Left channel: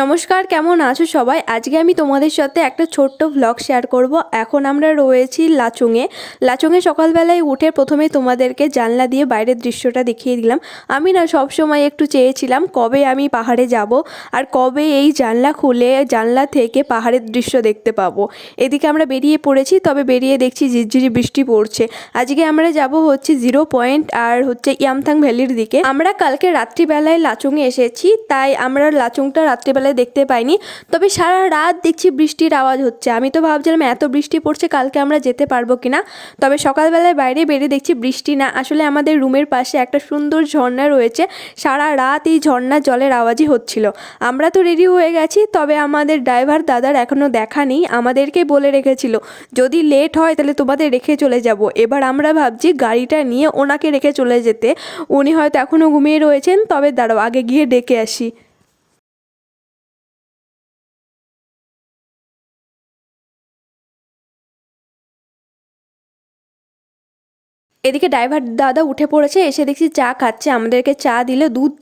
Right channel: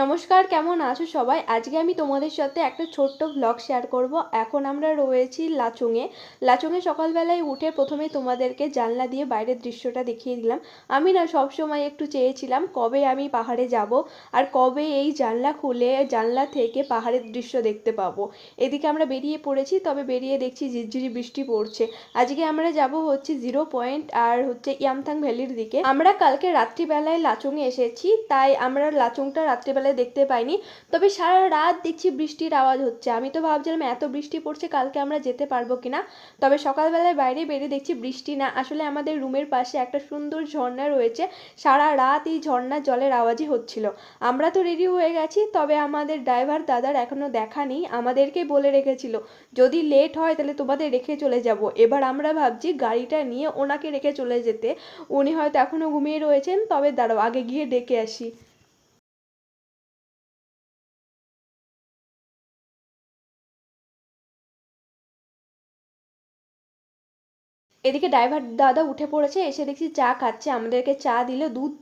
নমস্কার, কেমন আছো সবাই? আজকে আমি তোমাদের সাথে একটা ছোট্ট ভ্লগ শেয়ার করব। এখন আমরা রয়েছি লাচুংয়ে সকালবেলায় উঠে প্রথমে তোমাদেরকে জানলা দিয়ে বাইরের দৃশ্যটা দেখিয়ে দিলাম। আমি না সব সময় একটু চেয়েছিলাম কবে আমি পাহাড়ে যাব আর কবে এই জানলা খুলে জানলা থেকে পাহাড়ের দৃশ্য দেখতে পাবো। এদিকে আমরা বেরিয়ে পড়েছি, তবে বেরিয়ে দেখছি ঝিরঝিরি বৃষ্টি পড়ছে। আজকে আমরা যাব হচ্ছে 0 পয়েন্ট আর হচ্ছে ইয়ামথাং ভ্যালির দিকে। আমরা কালকে রাত্রিবেলায় লাচুংয়ে এসেছি, তাই আমরা লাচুংটা রাত্রিবেলায় দেখতে পাইনি। তবে সারা রাত দেখছি বৃষ্টির আওয়াজ হচ্ছে। আমি তো ভাবছিলাম এত বৃষ্টি পড়ছে কালকে আমরা যেতে পারবো কিনা। তবে সকালবেলায় বাইরে বেরিয়ে দেখছি বৃষ্টি না, আসলে আমাদের রুমের পাশে একটা সুন্দর ঝর্ণা রয়েছে। সারা রাত এই ঝর্ণার জলের আওয়াজই হচ্ছিল। আমরা তো রেডি হয়ে গেছি, তবে আমাদের ড্রাইভার দাদার এখনও দেখা নেই। আমাদেরকে বলে রেখেছিল যদি লেট হয় তাহলে তোমাদের রেখে চলে যাব। এবার আমরা ভাবছি গাড়িটা নিয়ে ওনাকে রেখে চলে যেতে। উনি হয়তো এখনও ঘুমিয়ে রয়েছেন, তবে দাঁড়াও আগে গিয়ে ডেকে আসি। এদিকে ড্রাইভার দাদা উঠে পড়েছে, এসে দেখছি চা খাচ্ছে। আমাদেরকে চা দিলে দুধ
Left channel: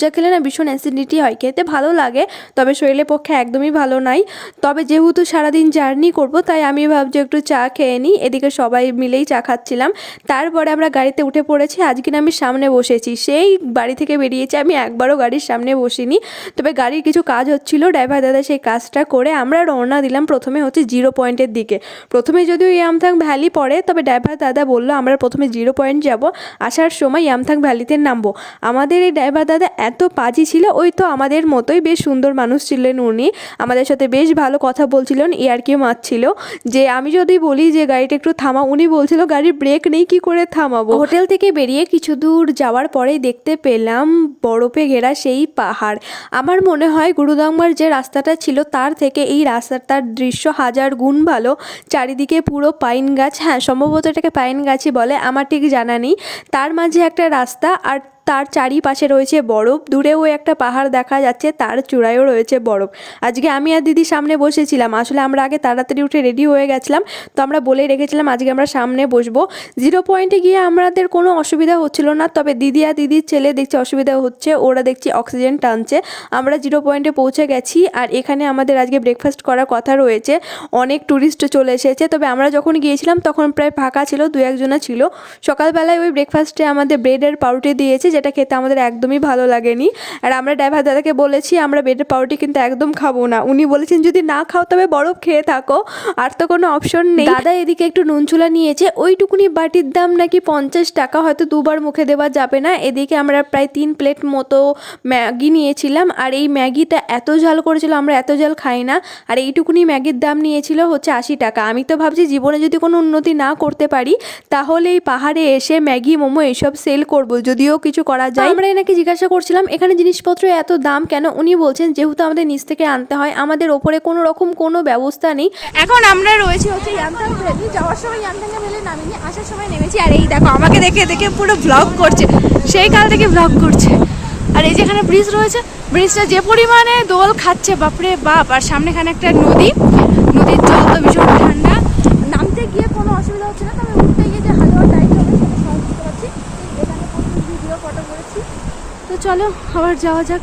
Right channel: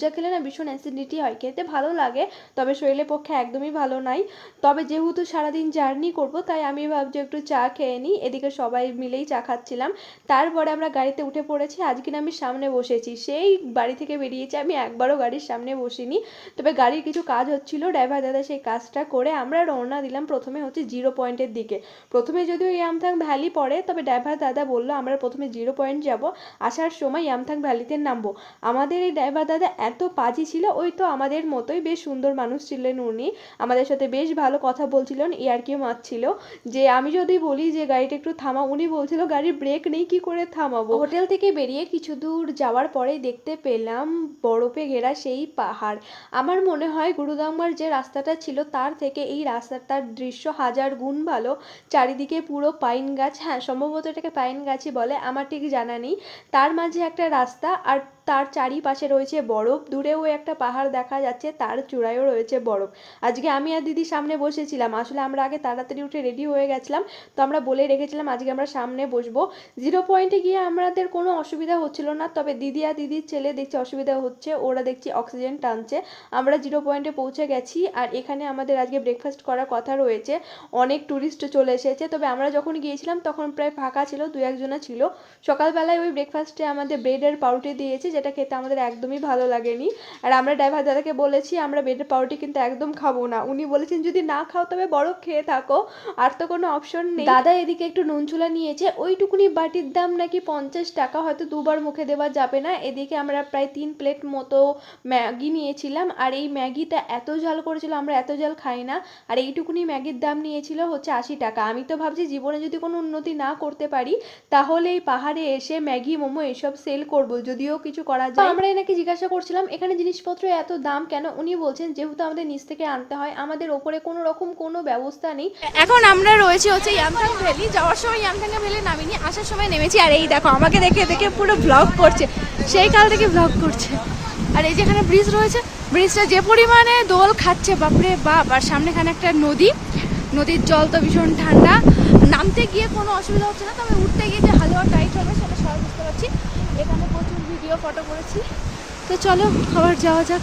চা খেলে না ভীষণ অ্যাসিডিটি হয়, খেতে ভালো লাগে তবে শরীরের পক্ষে একদমই ভালো নয়। তবে যেহেতু সারাদিন জার্নি করব, তাই আমি ভাবছি একটু চা খেয়ে নিই। এদিকে সবাই মিলেই চা খাচ্ছিলাম। তারপরে আমরা গাড়িতে উঠে পড়েছি। আজকে আমি সামনে বসেছি, সেই বাড়ি থেকে বেরিয়েছি আমি একবারও গাড়ির সামনে বসিনি। তবে গাড়ির কিছু কাজ হচ্ছিল, ড্রাইভার দাদা সেই কাজটা করে আমরা রওনা দিলাম প্রথমে হচ্ছে 0 পয়েন্টের দিকে। প্রথমে যদিও ইয়ামথাং ভ্যালি পড়ে, তবে ড্রাইভার দাদা বললো আমরা প্রথমে 0 পয়েন্ট যাব, আসার সময় ইয়ামথাং ভ্যালিতে নামবো। আমাদের এই ড্রাইভার দাদা এত পাজি ছিল, ওই তো আমাদের মতোই বেশ সুন্দর মানুষ ছিলেন উনি। আমাদের সাথে বেশ ভালো কথা বলছিলেন, ইয়ার্কি মারছিল যে আমি যদি বলি যে গাড়িটা একটু থামা, উনি বলছিল গাড়ির ব্রেক নেই, কি করে থামাবো। হোটেল থেকে বেরিয়ে কিছু দূর যাওয়ার পরেই দেখতে পেলাম বরফে ঘেরা সেই পাহাড়। আমার মনে হয় গুরুদাংমার যে রাস্তাটা ছিল তার থেকে এই রাস্তাটার দৃশ্য হাজার গুণ ভালো। চারিদিকে পুরো পাইন গাছ, হ্যাঁ সম্ভবত এটাকে পাইন গাছই বলে, আমার ঠিক জানা নেই। তার মাঝে একটা রাস্তা আর তার চারিপাশে রয়েছে বরফ। দূরেও একটা পাহাড় দেখা যাচ্ছে, তার চূড়ায়ও রয়েছে বরফ। আজকে আমি আর দিদি সামনে বসেছিলাম। আসলে আমরা আগে তাড়াতাড়ি উঠে রেডি হয়ে গেছিলাম, তো আমরা বলে রেখেছিলাম আজকে আমরা সামনে বসবো। 0 পয়েন্টে গিয়ে আমাদের কোনো অসুবিধা হচ্ছিল না, তবে দিদি আর দিদির ছেলে দেখছি অসুবিধা হচ্ছে, ওরা দেখছি অক্সিজেন টানছে। আমরা 0 পয়েন্টে পৌঁছে গেছি আর এখানে আমাদের আজকে ব্রেকফাস্ট করার কথা রয়েছে। অনেক ট্যুরিস্ট চলে এসেছে, তবে আমরা যখন গিয়েছিলাম তখন প্রায় ফাঁকা ছিল, দু একজনা ছিল। সকালবেলায় ওই ব্রেকফাস্টে আমাদের ব্রেডের পাউরুটি দিয়েছে, যেটা খেতে আমাদের একদমই ভালো লাগেনি। আর আমরা ড্রাইভার দাদাকে বলেছি আমরা ব্রেডের পাউরুটি কিন্তু একদম খাবো না। উনি বলেছেন যদি না খাও তবে বরফ খেয়ে থাকো, আর তো কোনো অপশন নেই। দাদা এদিকে একটু নুনচুলা নিয়েছে, ওইটুকুনি বাটির দাম নাকি 50 টাকা, হয়তো দুবার মুখে দেওয়া যাবে না। এদিকে আমরা প্রায় 3 প্লেট মতো ম্যাগি নিয়েছিলাম, আর এই ম্যাগিটা এত ঝাল করেছিল, আমরা এত ঝাল খাই না। আর এইটুকুনি ম্যাগির দাম নিয়েছিল হচ্ছে 80 টাকা। আমি তো ভাবছি জীবনে যদি কোনো উন্নতি না করতে পারি তাহলে এই পাহাড়ে এসে ম্যাগি মোমো এসব সেল করব, যদিও কিছু করা যায়। আমরা এনাকে জিজ্ঞাসা করছিলাম এখানে জিনিসপত্র এত দাম কেন। উনি বলছেন যেহেতু আমাদের নিচ থেকে আনতে হয়, আমাদের ওপরে কোনো রকম কোনো ব্যবস্থা নেই। এখন আমরা রয়েছি হচ্ছে ইয়ামথাং ভ্যালি। যাওয়ার সময় ইয়ামথাং ভ্যালি নামিনি, আসার সময় নেমেছি। আর এই দেখো আমাকে দেখে দেখে পুরো ব্লগ করছে, সেই কাল থেকে ব্লগ করছে। আর এই যেখানে ব্রিজ রয়েছে, ব্রিজটা যে পরিমাণে দোল খাচ্ছে বাপরে বাপ। আর সামনেখানে একটা নদীর জল তো ভীষণ ঠান্ডা। নামতে গিয়ে কোনো অসুবিধা হচ্ছে না, তবে উঠতে গিয়ে যে হালুয়া টাইট হবে সেটা সহজ বুঝতে পারছি। এখানে প্রচুর ভিডিও ফটো করেছি, তো চলো আবার যাওয়া যাক।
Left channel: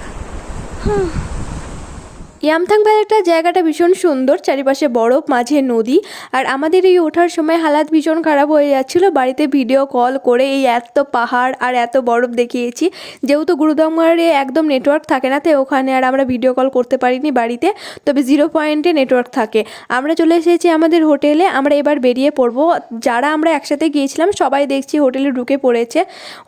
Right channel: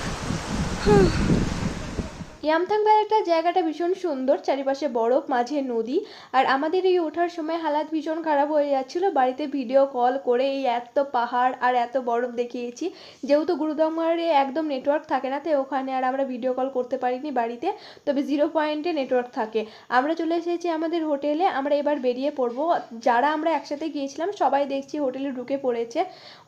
ইয়ামথাং ভ্যালিটার জায়গাটা ভীষণ সুন্দর, চারিপাশে বরফ, মাঝে নদী। আর আমাদের এই ওঠার সময় হালাত ভীষণ খারাপ হয়ে যাচ্ছিলো। বাড়িতে ভিডিও কল করে এই এত পাহাড় আর এত বরফ দেখিয়েছি। যেহেতু গুরুদাংমারে একদম নেটওয়ার্ক থাকে না, তাই ওখানে আর আমরা ভিডিও কল করতে পারিনি বাড়িতে, তবে 0 পয়েন্টে নেটওয়ার্ক থাকে। আমরা চলে এসেছি আমাদের হোটেলে। আমরা এবার বেরিয়ে পড়বো। যারা আমরা একসাথে গিয়েছিলাম সবাই দেখছি হোটেলে ঢুকে পড়েছে।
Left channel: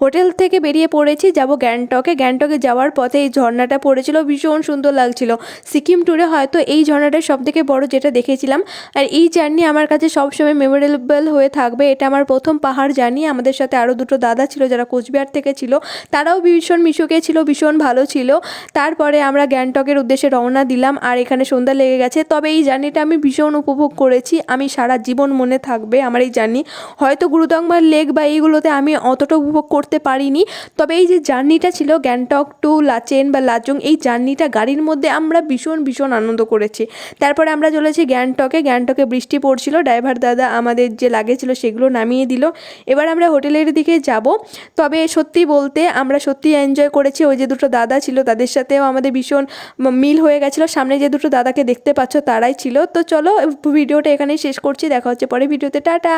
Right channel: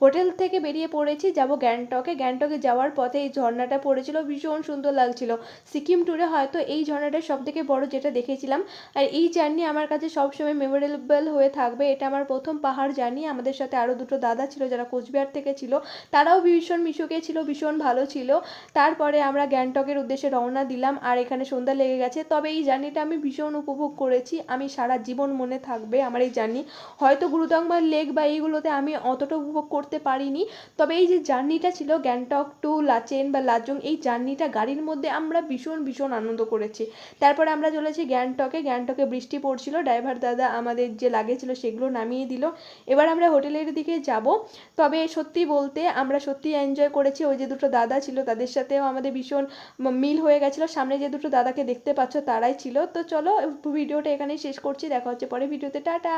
হোটেল থেকে বেরিয়ে পড়েছি, যাব গ্যাংটকে। গ্যাংটকে যাওয়ার পথে এই ঝর্ণাটা পড়েছিল, ভীষণ সুন্দর লাগছিল। সিকিম ট্যুরে হয়তো এই ঝর্ণাটা সবথেকে বড় যেটা দেখেছিলাম। আর এই জার্নি আমার কাছে সবসময় মেমোরেবল হয়ে থাকবে। এটা আমার প্রথম পাহাড় জার্নি। আমাদের সাথে আরও দুটো দাদা ছিল যারা কোচবিহার থেকে ছিল, তারাও ভীষণ মিশুকে ছিল, ভীষণ ভালো ছিল। তারপরে আমরা গ্যাংটকের উদ্দেশ্যে রওনা দিলাম, আর এখানে সন্ধ্যা লেগে গেছে। তবে এই জার্নিটা আমি ভীষণ উপভোগ করেছি, আমি সারা জীবন মনে থাকবে আমার এই জার্নি। হয়তো গুরুদাংমার লেক বা এইগুলোতে আমি অতটা উপভোগ করতে পারিনি, তবে এই যে জার্নিটা ছিল গ্যাংটক টু লাচেন বা লাচুং, এই জার্নিটা গাড়ির মধ্যে আমরা ভীষণ ভীষণ ভীষণ আনন্দ করেছি। তারপরে আমরা চলেছি গ্যাংটকে বৃষ্টি পড়ছিল, ড্রাইভার দাদা আমাদের যে লাগেজ ছিল সেগুলো নামিয়ে দিল। এবার আমরা হোটেলের দিকে যাব। তবে সত্যি বলতে আমরা সত্যি এনজয় করেছি। ওই যে দুটো দাদা ছিল তাদের সাথেও আমাদের ভীষণ মিল হয়ে গেছিলো। সামনে যে দুটো দাদাকে দেখতে পাচ্ছ তারাই ছিল। তো চলো ভিডিওটা এখানেই শেষ করছি, দেখা হচ্ছে পরে ভিডিওতে, টাটা।